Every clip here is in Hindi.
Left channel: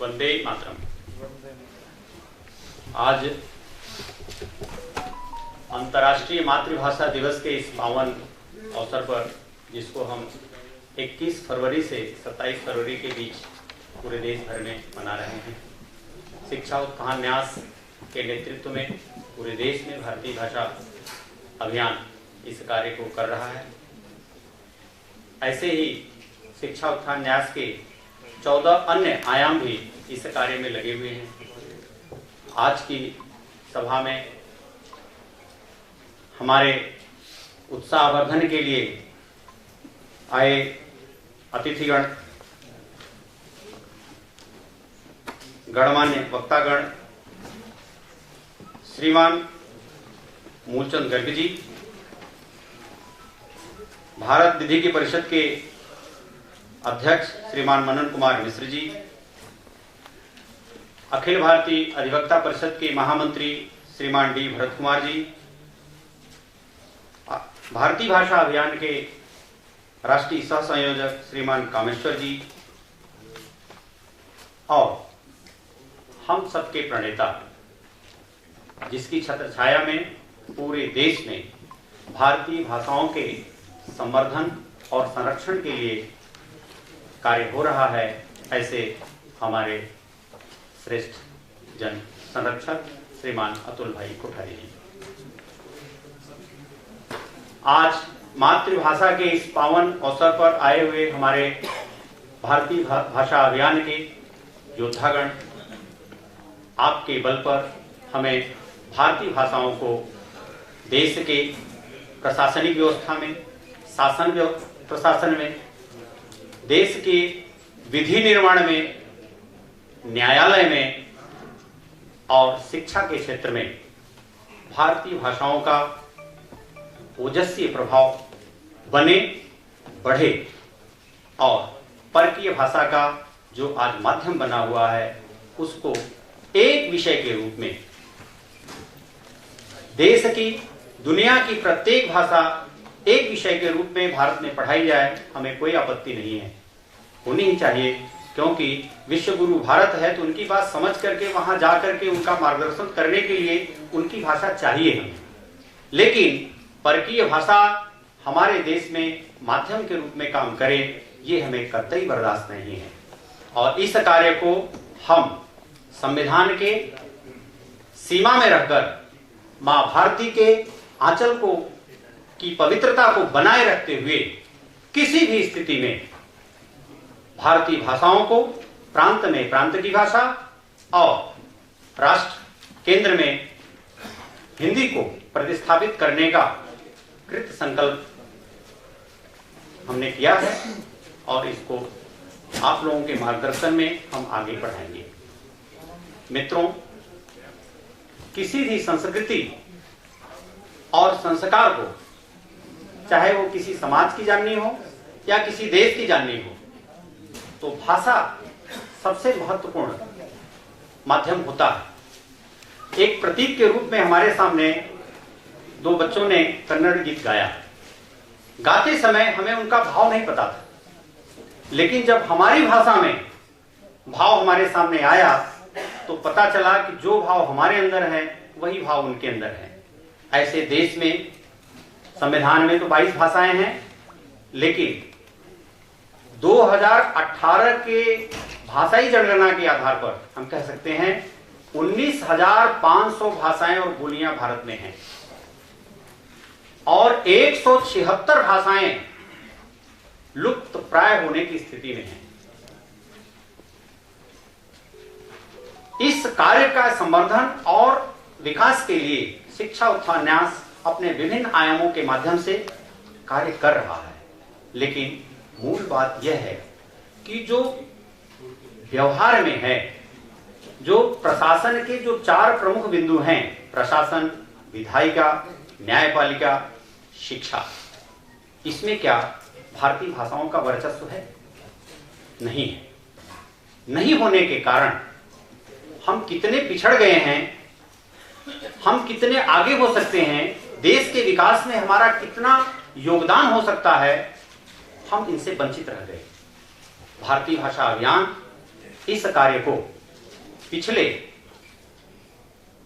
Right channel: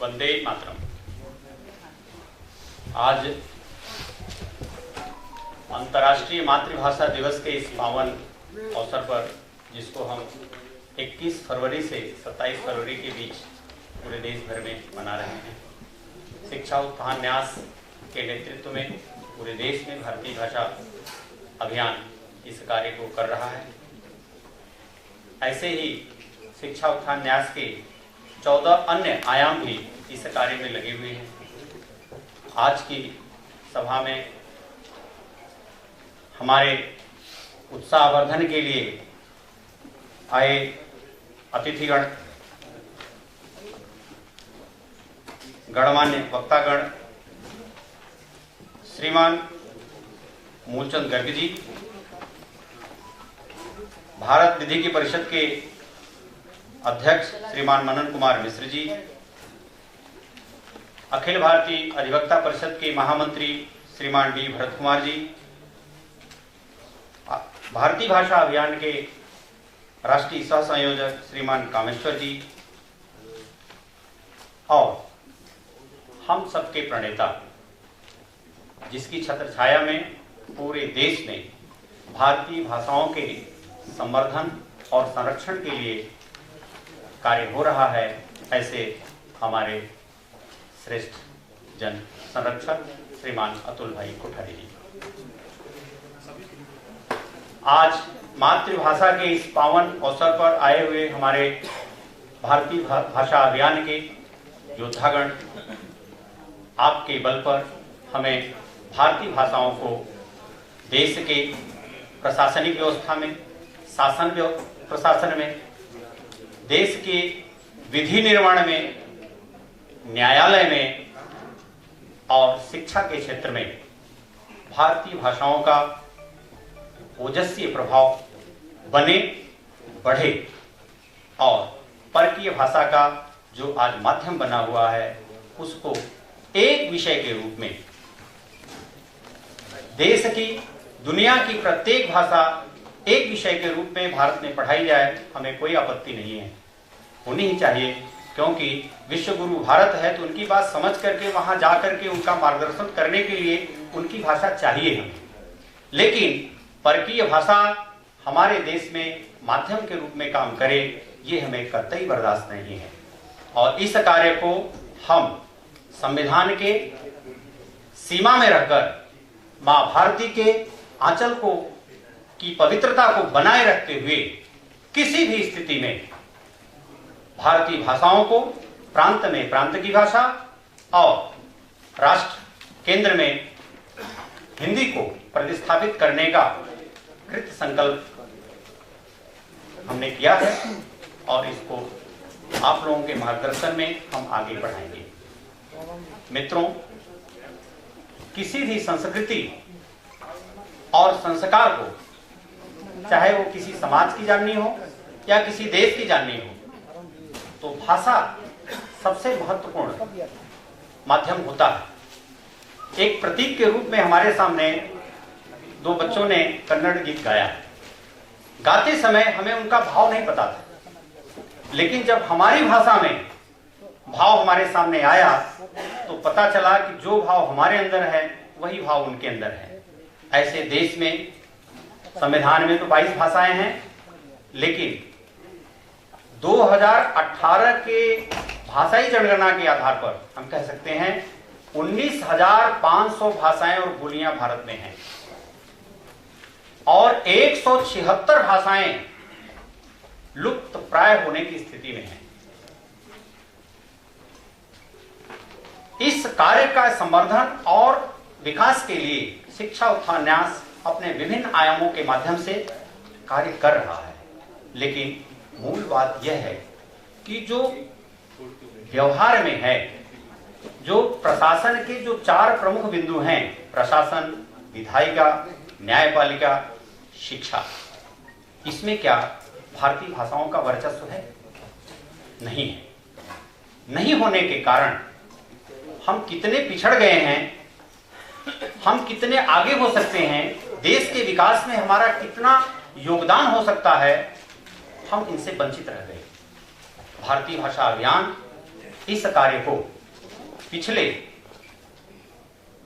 वंदे मातरम। आज अंतर्राष्ट्रीय मातृभाषा दिवस के इस पावन अवसर पर, जिसको हम 21 फरवरी से 27 फरवरी के बीच पूरे देश भर में मना रहे हैं, शिक्षा उत्थान न्यास के नेतृत्व में पूरे देश में भारतीय भाषा अभियान इस कार्य को कर रहा है। ऐसे ही शिक्षा उत्थान न्यास के 14 अन्य आयाम भी इस कार्य में लगे हुए हैं। आज की सभा में हमारे उत्साहवर्धन के लिए आए अतिथिगण, गणमान्य वक्तागण, श्रीमान मूलचंद गर्ग जी, भारत विधिकी परिषद के अध्यक्ष श्रीमान मनन कुमार मिश्र जी, अखिल भारतीय अधिवक्ता परिषद के महामंत्री श्रीमान डी भरत कुमार जी, भारतीय भाषा अभियान के राष्ट्रीय सह संयोजक श्रीमान कामेश्वर जी और हम सबके प्रणेता, जिसकी छत्र छाया में पूरे देश में भारतीय भाषाओं के संवर्धन और संरक्षण के लिए कार्य हो रहा है, ऐसे हमारे श्रेष्ठ जन संरक्षक श्रीमान अतुल भाई कोठारी जी। आज मातृभाषा के इस पावन अवसर पर आए हुए हमारे भारतीय भाषा अभियान के योद्धागण, आपके बल पर हमें भारतीय भाषाओं को देश के प्रशासनिक व्यवस्था में, शासन प्रशासन में, देश के विधि निर्माण में, न्यायालय में और शिक्षा के क्षेत्र में भारतीय भाषाओं का ओजस्वी प्रभाव बने, बढ़े और परकीय भाषा का जो आज माध्यम बना हुआ है, उसको एक विषय के रूप में देश की, दुनिया की प्रत्येक भाषा एक विषय के रूप में भारत में पढ़ाई जाए, हमें कोई आपत्ति नहीं है, होनी ही चाहिए, क्योंकि विश्व गुरु भारत है तो उनकी बात समझ करके वहां जा करके उनका मार्गदर्शन करने के लिए उनकी भाषा चाहिए हमें। लेकिन परकीय भाषा हमारे देश में माध्यम के रूप में काम करे, ये हमें कतई बर्दाश्त नहीं है। और इस कार्य को हम संविधान के सीमा में रहकर मां भारती के आंचल को की पवित्रता को बनाए रखते हुए किसी भी स्थिति में भारतीय भाषाओं को प्रांत में प्रांत की भाषा और राष्ट्र केंद्र में हिंदी को प्रतिस्थापित करने का कृत संकल्प हमने किया है और इसको आप लोगों के मार्गदर्शन में हम आगे बढ़ाएंगे। मित्रों, किसी भी संस्कृति और संस्कार को, चाहे वो किसी समाज की जाननी हो या किसी देश की जाननी हो, तो भाषा सबसे महत्वपूर्ण माध्यम होता है। एक प्रतीक के रूप में हमारे सामने दो बच्चों ने कन्नड़ गीत गाया। गाते समय हमें उनका भाव नहीं पता था, लेकिन जब हमारी भाषा में भाव हमारे सामने आया तो पता चला कि जो भाव हमारे अंदर है वही भाव उनके अंदर है। ऐसे देश में संविधान में तो 22 भाषाएं हैं, लेकिन 2018 के भाषाई जनगणना के आधार पर हम कह सकते हैं 19,500 भाषाएं और बोलियां भारत में हैं और 176 भाषाएं लुप्त प्राय होने की स्थिति में हैं। इस कार्य का संवर्धन और विकास के लिए शिक्षा उत्थान न्यास अपने विभिन्न आयामों के माध्यम से कार्य कर रहा है। लेकिन मूल बात यह है कि जो व्यवहार में है, जो प्रशासन के जो 4 प्रमुख बिंदु हैं, प्रशासन, विधायिका, न्यायपालिका, शिक्षा, इसमें क्या भारतीय भाषाओं का वर्चस्व है? नहीं है। नहीं होने के कारण हम कितने पिछड़ गए हैं, हम कितने आगे हो सकते हैं, देश के विकास में हमारा कितना योगदान हो सकता है, हम इनसे वंचित रह गए। भारतीय भाषा अभियान इस कार्य को पिछले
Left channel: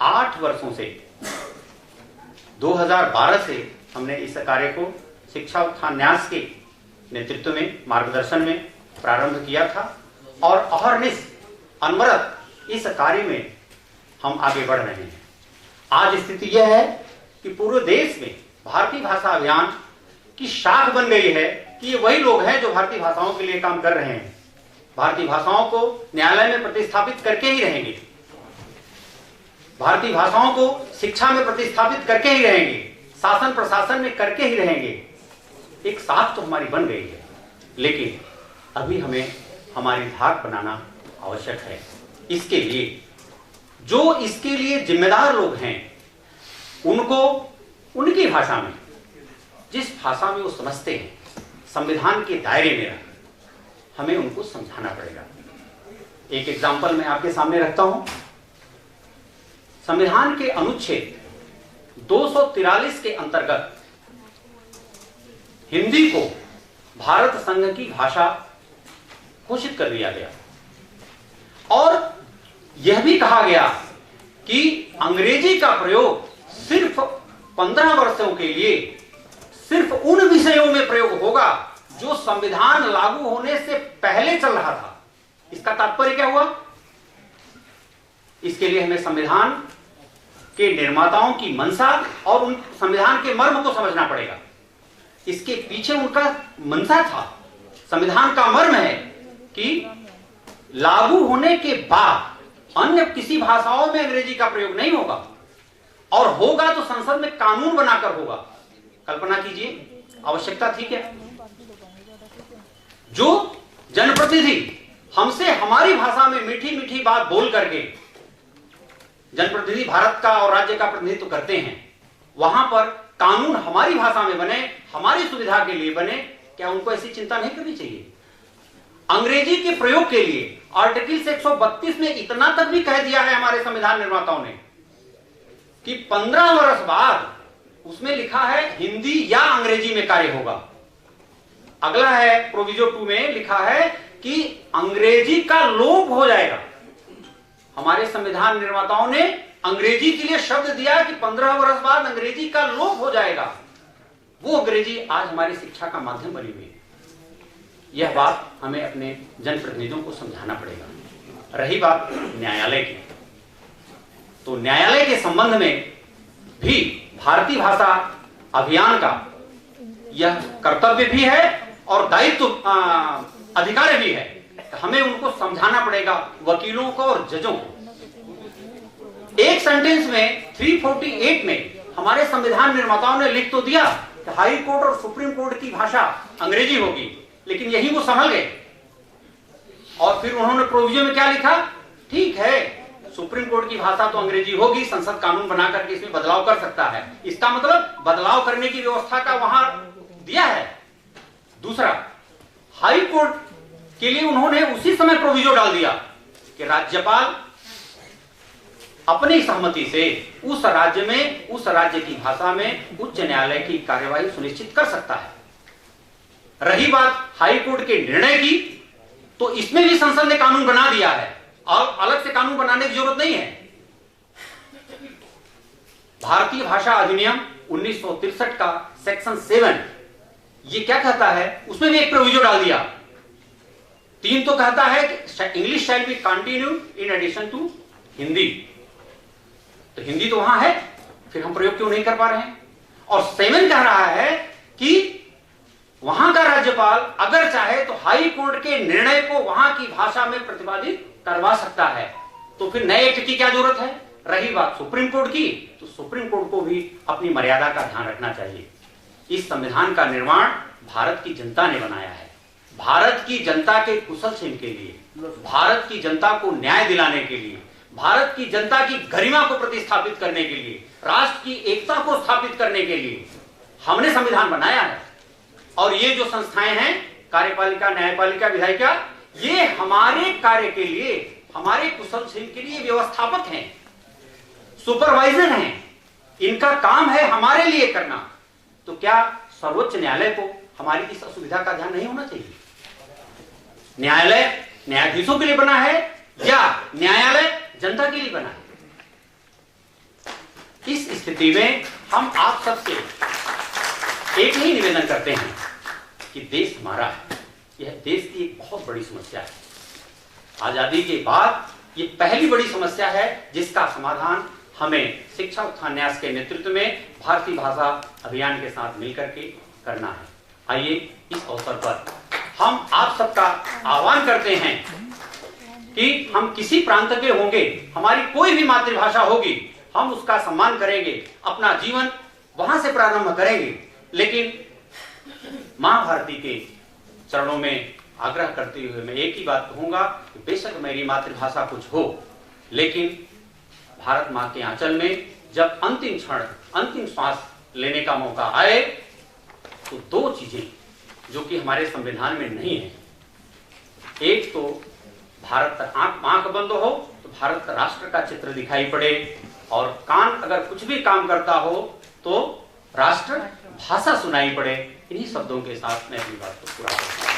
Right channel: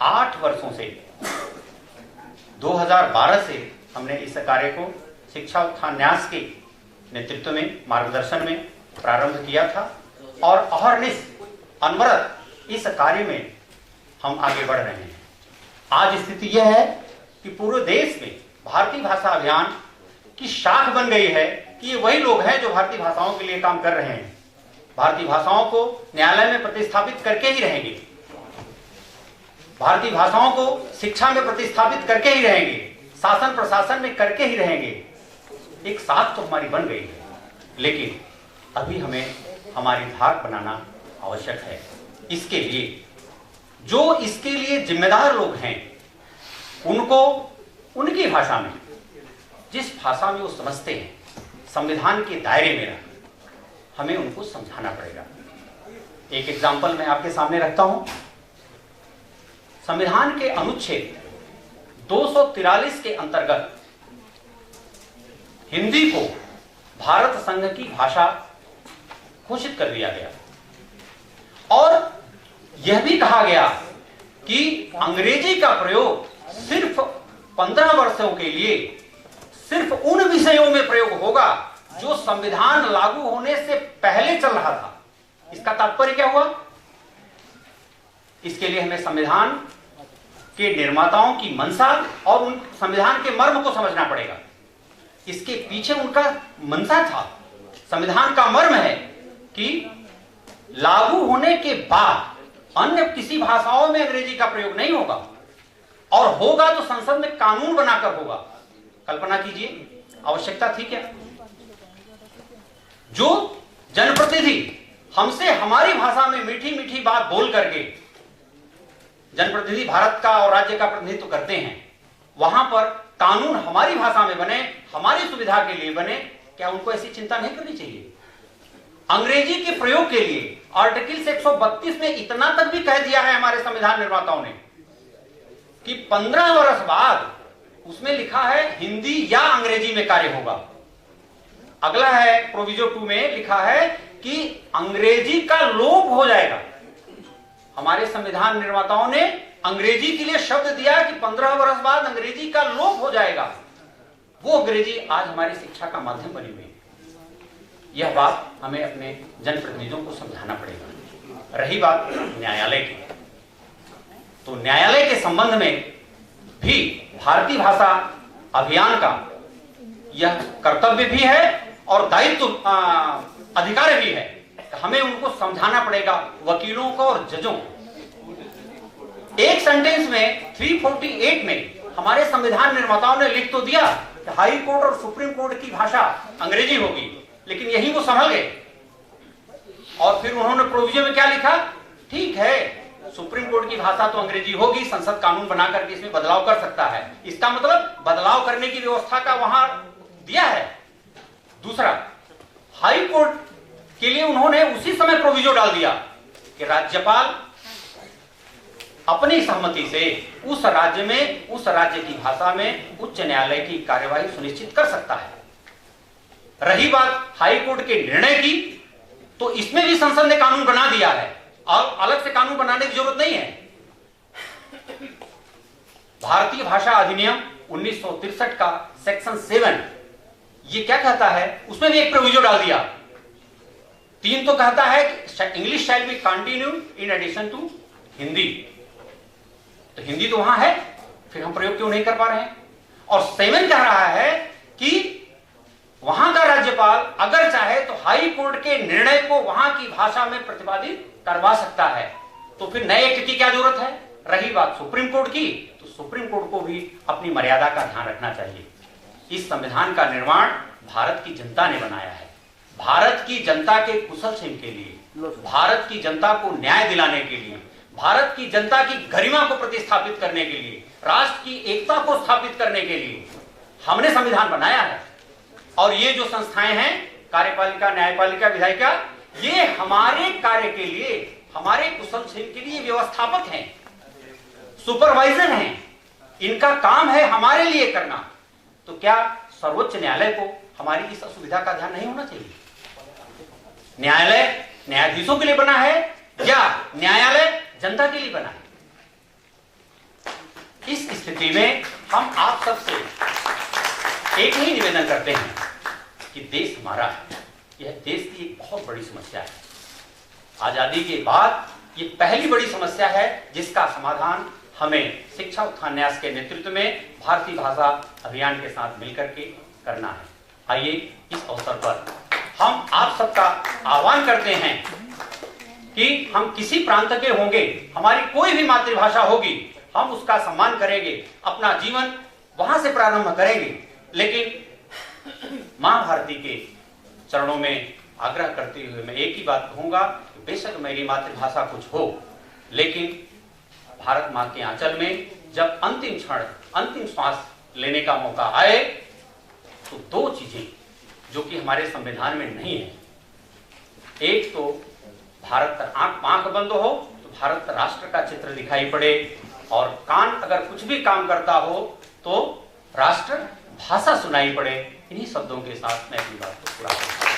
8 वर्षों से 2012 से हमने इस कार्य को शिक्षा उत्थान न्यास के नेतृत्व में, मार्गदर्शन में प्रारंभ किया था और अहर्निश अनवरत इस कार्य में हम आगे बढ़ रहे हैं। आज स्थिति यह है कि पूरे देश में भारतीय भाषा अभियान की शाख बन गई है कि ये वही लोग हैं जो भारतीय भाषाओं के लिए काम कर रहे हैं। भारतीय भाषाओं को न्यायालय में प्रतिस्थापित करके ही रहेंगे, भारतीय भाषाओं को शिक्षा में प्रतिस्थापित करके ही रहेंगे, शासन प्रशासन में करके ही रहेंगे। एक साख तो हमारी बन गई है, लेकिन अभी हमें हमारी धाक बनाना आवश्यक है। इसके लिए जो इसके लिए जिम्मेदार लोग हैं उनको उनकी भाषा में, जिस भाषा में वो समझते हैं, संविधान के दायरे में रख हमें उनको समझाना पड़ेगा। एक एग्जाम्पल मैं आपके सामने रखता हूं। संविधान के अनुच्छेद 243 के अंतर्गत हिंदी को भारत संघ की भाषा घोषित कर दिया गया और यह भी कहा गया कि अंग्रेजी का प्रयोग सिर्फ 15 वर्षों के लिए सिर्फ उन विषयों में प्रयोग होगा जो संविधान लागू होने से पहले चल रहा था। इसका तात्पर्य क्या हुआ? इसके लिए हमें संविधान के निर्माताओं की मंशा और उन संविधान के मर्म को समझना पड़ेगा। इसके पीछे उनका मंशा था, संविधान का मर्म है कि लागू होने के बाद अन्य किसी भाषाओं में अंग्रेजी का प्रयोग नहीं होगा और होगा तो संसद में कानून बनाकर होगा। कल्पना कीजिए, आवश्यकता थी क्या? जो जनप्रतिनिधि हमसे हमारी भाषा में मीठी मीठी बात बोल करके, जनप्रतिनिधि भारत का और राज्य का प्रतिनिधित्व करते हैं, वहां पर कानून हमारी भाषा में बने, हमारी सुविधा के लिए बने, क्या उनको ऐसी चिंता नहीं करनी चाहिए? अंग्रेजी के प्रयोग के लिए आर्टिकल 132 में इतना तक भी कह दिया है हमारे संविधान निर्माताओं ने कि 15 वर्ष बाद उसमें लिखा है हिंदी या अंग्रेजी में कार्य होगा। अगला है प्रोविजो 2 में लिखा है कि अंग्रेजी का लोप हो जाएगा। हमारे संविधान निर्माताओं ने अंग्रेजी के लिए शब्द दिया कि 15 वर्ष बाद अंग्रेजी का लोप हो जाएगा। वो अंग्रेजी आज हमारी शिक्षा का माध्यम बनी हुई है। यह बात हमें अपने जनप्रतिनिधियों को समझाना पड़ेगा। रही बात न्यायालय की, तो न्यायालय के संबंध में भी भारतीय भाषा अभियान का यह कर्तव्य भी है और दायित्व अधिकार भी है। हमें उनको समझाना पड़ेगा, वकीलों को और जजों को। एक सेंटेंस में 348 में हमारे संविधान निर्माताओं ने लिख तो दिया कि हाई कोर्ट और सुप्रीम कोर्ट की भाषा अंग्रेजी होगी, लेकिन यही वो संभल गए और फिर उन्होंने प्रोविजन में क्या लिखा? ठीक है, सुप्रीम कोर्ट की भाषा तो अंग्रेजी होगी, संसद कानून बना करके इसमें बदलाव कर सकता है। इसका मतलब बदलाव करने की व्यवस्था का वहां दिया है। दूसरा, हाई कोर्ट के लिए उन्होंने उसी समय प्रोविजन डाल दिया कि राज्यपाल अपनी सहमति से उस राज्य में, उस राज्य की भाषा में उच्च न्यायालय की कार्यवाही सुनिश्चित कर सकता है। रही बात हाई कोर्ट के निर्णय की, तो इसमें भी संसद ने कानून बना दिया है और अलग से कानून बनाने की जरूरत नहीं है। भारतीय भाषा अधिनियम 1963 का सेक्शन 7 ये क्या कहता है? उसमें भी एक प्रोविजन डाल दिया। 3 तो कहता है कि English shall be continued in addition to Hindi, तो हिंदी तो वहां है, फिर हम प्रयोग क्यों नहीं कर पा रहे हैं? और 7 कह रहा है कि वहां का राज्यपाल अगर चाहे तो हाई कोर्ट के निर्णय को वहां की भाषा में प्रतिपादित करवा सकता है। तो फिर नए एक्ट की क्या जरूरत है? रही बात सुप्रीम कोर्ट की, तो सुप्रीम कोर्ट को भी अपनी मर्यादा का ध्यान रखना चाहिए। इस संविधान का निर्माण भारत की जनता ने बनाया है। भारत की जनता के कुशल क्षेम के लिए, भारत की जनता को न्याय दिलाने के लिए, भारत की जनता की गरिमा को प्रतिस्थापित करने के लिए, राष्ट्र की एकता को स्थापित करने के लिए हमने संविधान बनाया है। और ये जो संस्थाएं हैं, कार्यपालिका, न्यायपालिका, विधायिका, ये हमारे कार्य के लिए, हमारे कुशल क्षेम के लिए व्यवस्थापक हैं, सुपरवाइजर हैं। इनका काम है हमारे लिए करना। तो क्या सर्वोच्च न्यायालय को हमारी इस असुविधा का ध्यान नहीं होना चाहिए? न्यायालय न्यायाधीशों के लिए बना है या न्यायालय जनता के लिए बना है? इस स्थिति में हम आप सबसे एक ही निवेदन करते हैं कि देश हमारा है। यह देश की एक बहुत बड़ी समस्या है। आजादी के बाद ये पहली बड़ी समस्या है जिसका समाधान हमें शिक्षा उत्थान न्यास के नेतृत्व में भारतीय भाषा अभियान के साथ मिलकर के करना है। आइए इस अवसर पर हम आप सबका आह्वान करते हैं कि हम किसी प्रांत के होंगे, हमारी कोई भी मातृभाषा होगी, हम उसका सम्मान करेंगे, अपना जीवन वहां से प्रारंभ करेंगे। लेकिन मां भारती के चरणों में आग्रह करते हुए मैं एक ही बात कहूंगा कि बेशक मेरी मातृभाषा कुछ हो, लेकिन भारत मां के आंचल में जब अंतिम क्षण, अंतिम श्वास लेने का मौका आए तो दो चीजें जो कि हमारे संविधान में नहीं है, एक तो भारत का आंख बंद हो तो भारत राष्ट्र का चित्र दिखाई पड़े, और कान अगर कुछ भी काम करता हो तो राष्ट्र भाषा सुनाई पड़े। इन्हीं शब्दों के साथ मैं अपनी बात को पूरा करूंगा।